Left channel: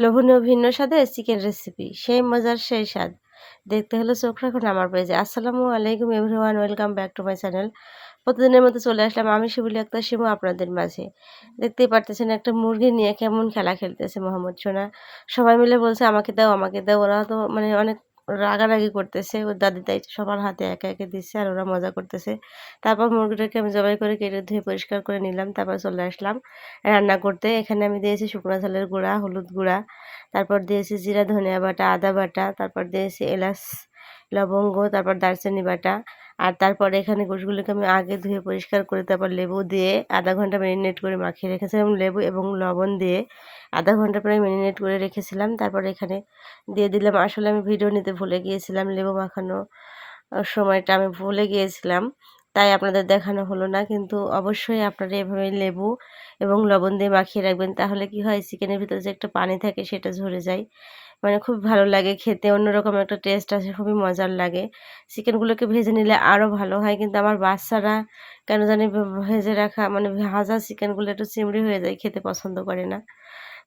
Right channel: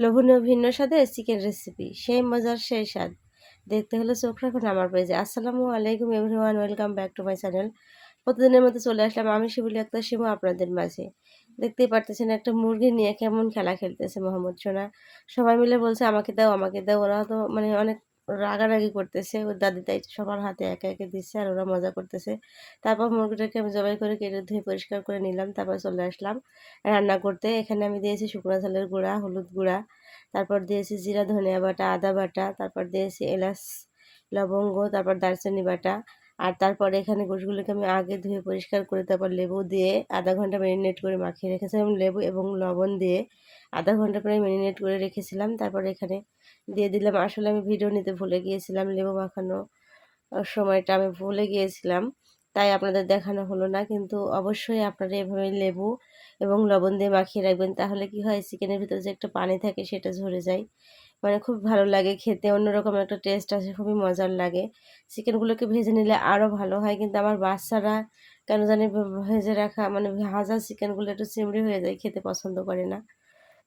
লোভনীয় ভিন্ন স্বাদে চিকেন রেসিপি সেই মজার সেই স্বাদ। দেখতে হলে চোখ রাখুন আমার পেজে। আসসালামু আলাইকুম everyone welcome back to my channel প্রতিদিনের মতো চলে আসলাম আমি শিবুলি একটা শিবু আপনাদের মাঝে। দেখতেই পারতেছেন একটা মুরগি নিয়ে কেমন খেলা খেলতেছে মোহাম্মদ সোনা। সবাই মিলে বলছে, আমাকে দাও আমাকে দাও। ওরা তো মানে অনেক রাগারাগি করতেছে। ওর দাদি তাই সবার হাতে একে একে দিচ্ছে আর ওরা মজা করতেছে। তারপর মুরগিটাকে আমি জবাই করে কেটে ধুয়ে পরিষ্কার করে নিলাম, তারপর চলে আসলাম রান্না করতে। এখানে আমি দিয়েছি শুকনো ঝালের গুঁড়া, হলুদ গুঁড়া, তারপর দিয়েছি জিরা, ধনিয়া বাটা, আদা বাটা, তারপর দিয়েছি এলাচ, লবঙ্গ, তারপর দারচিনি বাটা আর তারপরে এখানে গোশগুলোকে আমি আগে ধুয়ে পরিষ্কার করে তারপর লেবু দিয়ে আধা ঘণ্টা ম্যারিনেট করে মাখিয়ে রেখেছিলাম লেবু এবং লবণ দিয়ে আধা ঘণ্টা প্রায় ম্যারিনেট করে রেখেছিলাম। তারপর এখানে দিয়ে দিলাম, আসলে আমি ভিডিও নিতে ভুলে গিয়েছিলাম লেবু মাখানো সময়টা আমি ভুলে গিয়েছিলাম, তাই আপনাদের দেখানো হলো না। কিন্তু অবশ্যই আপনারা এভাবে লেবু এবং লবণ দিয়ে মাখিয়ে রাখবেন, তাহলে কি হয়, চিকেনের ভিতরে যে একটা পানি থাকে সেটা ঝরে যায়। মানে খুব ভালো লাগে খেতে, অন্যরকম একটা টেস্ট আছে খুবই মজার লাগে। চিকেনগুলোকে ভেজে নিলে আরও ভালো হয়। কিন্তু আমার বাচ্চারা কেন জানি ভেজে রাখা মানে ভাজা চিকেনগুলো একটু চিমড়ি হয়ে যায়, খেতে পছন্দ করে না।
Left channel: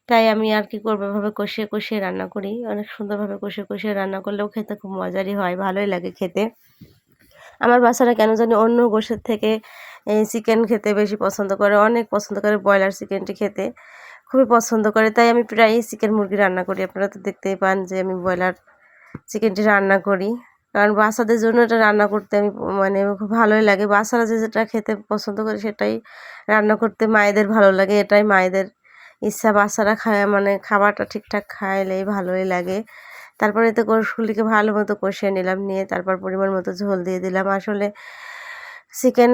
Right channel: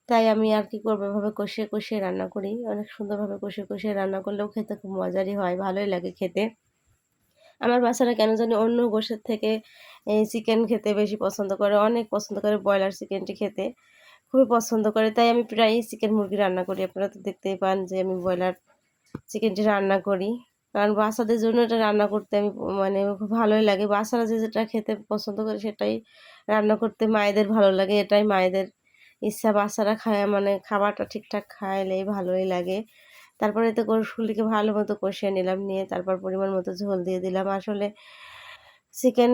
তাই আমি আর কি করব? এভাবে কষিয়ে কষিয়ে রান্না করি। অনেক সুন্দরভাবে কষিয়ে কষিয়ে রান্না করলেও খেতে খুব মজারই হয়, ভালোই লাগে খেতে। আমার বাচ্চারা কেন জানি অন্য গোষের থেকে চিকেন খেতে বেশি পছন্দ করে, অনেক পছন্দ করে ব্রয়লার চিকেনটি খেতে। খুবই পছন্দ করে। তাই আমি প্রায়ই চিকেন মুরগি রান্না করি। আপনারা তো দেখতেই পান যে আমি ব্রয়লার চিকেনটি রান্না করি। কারণ বাচ্চাদের জন্য এটা রান্না করতে আমি মানে খুব ভালোই লাগে। বাচ্চারা যে যেটা খেতে পছন্দ করে সেটাই রান্না করতে মায়েদের ভালো লাগে। এটাই মায়েদের ইচ্ছা। বাচ্চারা খায় মানে খাবারটা ঠিকঠাক খাইলেই ভালোই লাগে। তারপরে তো গোশগুলিকে ভালো মতো কষিয়ে নিলাম, নিয়ে তারপর পরিমাণ মতো ঝোল দিয়ে দিলাম। আসলে চিকেন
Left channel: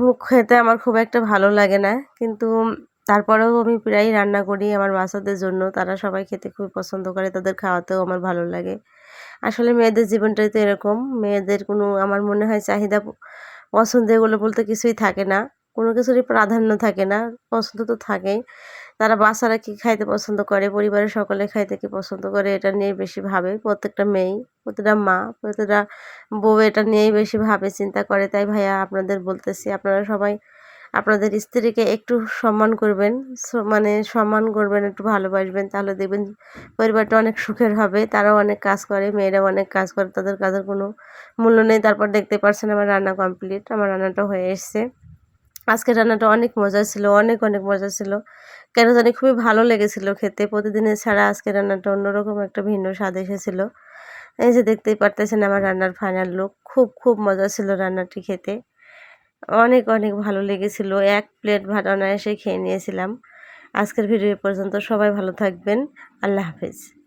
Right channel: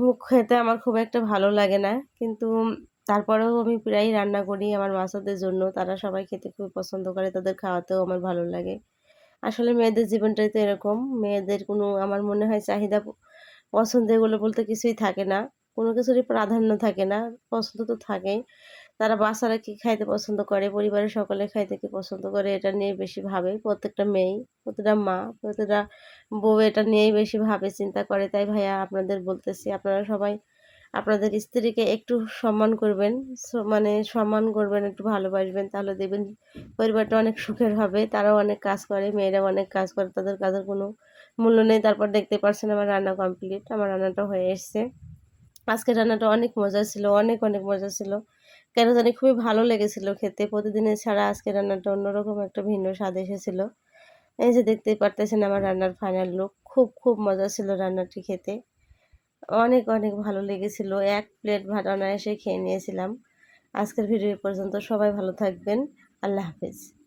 মুখ খেতে আমার খুব একটা ভালো লাগে না। কিন্তু তারপরেও আমি প্রায়ই রান্না করি আমার বাচ্চাদের জন্য। তারা সবাই খেতে খুব পছন্দ করে, তাদের খাওয়াতেও আমার ভালো লাগে। আসলে মেয়েদের জীবনটাই তো এরকম। মেয়েদের কোনো, আমার মনে হয় চাহিদা পছন্দ এগুলো বলতে কিছুই থাকে না। কোনো কিছুরই প্রাধান্য থাকে না। পছন্দ তো থাকেই। তারা বাচ্চারা কী খাইতে পছন্দ করে? পরিবারের সকলে খাইতে কী পছন্দ করে? এটা নিয়ে বেশি ভাবে। প্রত্যেকটা মেয়েই প্রতিটা মা প্রতিটা বউ এটা নিয়েই বেশি ভাবে চিন্তা করে। তাই ভাইয়া আপনাদের বলতেছি, আপনারা সবাই আপনাদের স্ত্রীকে একটু সম্মান করবেন মানে সম্মান করবেন, একটু ভালোবাসবেন, তাহলে দেখবেন পরিবারটা অনেক সুখের হবে, তারাও অনেক কাজ করে, মেয়েরাও অনেক কাজ করে, তাদের কাজের কোনো মূল্য নেই। তারপর দেখতে পারছেন আমার রান্না কমপ্লিট আমার রান্নাটা হয়ে এসছে। আজকের রান্নাটা অনেক মজা ছিল, অনেক অনেক মজা ছিল। কেন জানি খুবই ভালো লেগেছিল খেতে, প্রতিদিনের ছাড়া আজকের রান্নাটা অন্যরকম একটা ভিন্ন স্বাদ এসেছিল। এই যে দেখতেই পারতেছেন আমার রান্নার ফাইনাল লুক খুব খুব মজা ছিল রান্নাটি খেতে। অনেক অনেক ভালো লেগেছিল। এক প্লেট ভাত অনায়াসে খেয়ে নিয়েছিলাম। আজকের ভিডিও পর্যন্ত সবাই ভালো থাকবেন। আল্লাহ হাফেজ।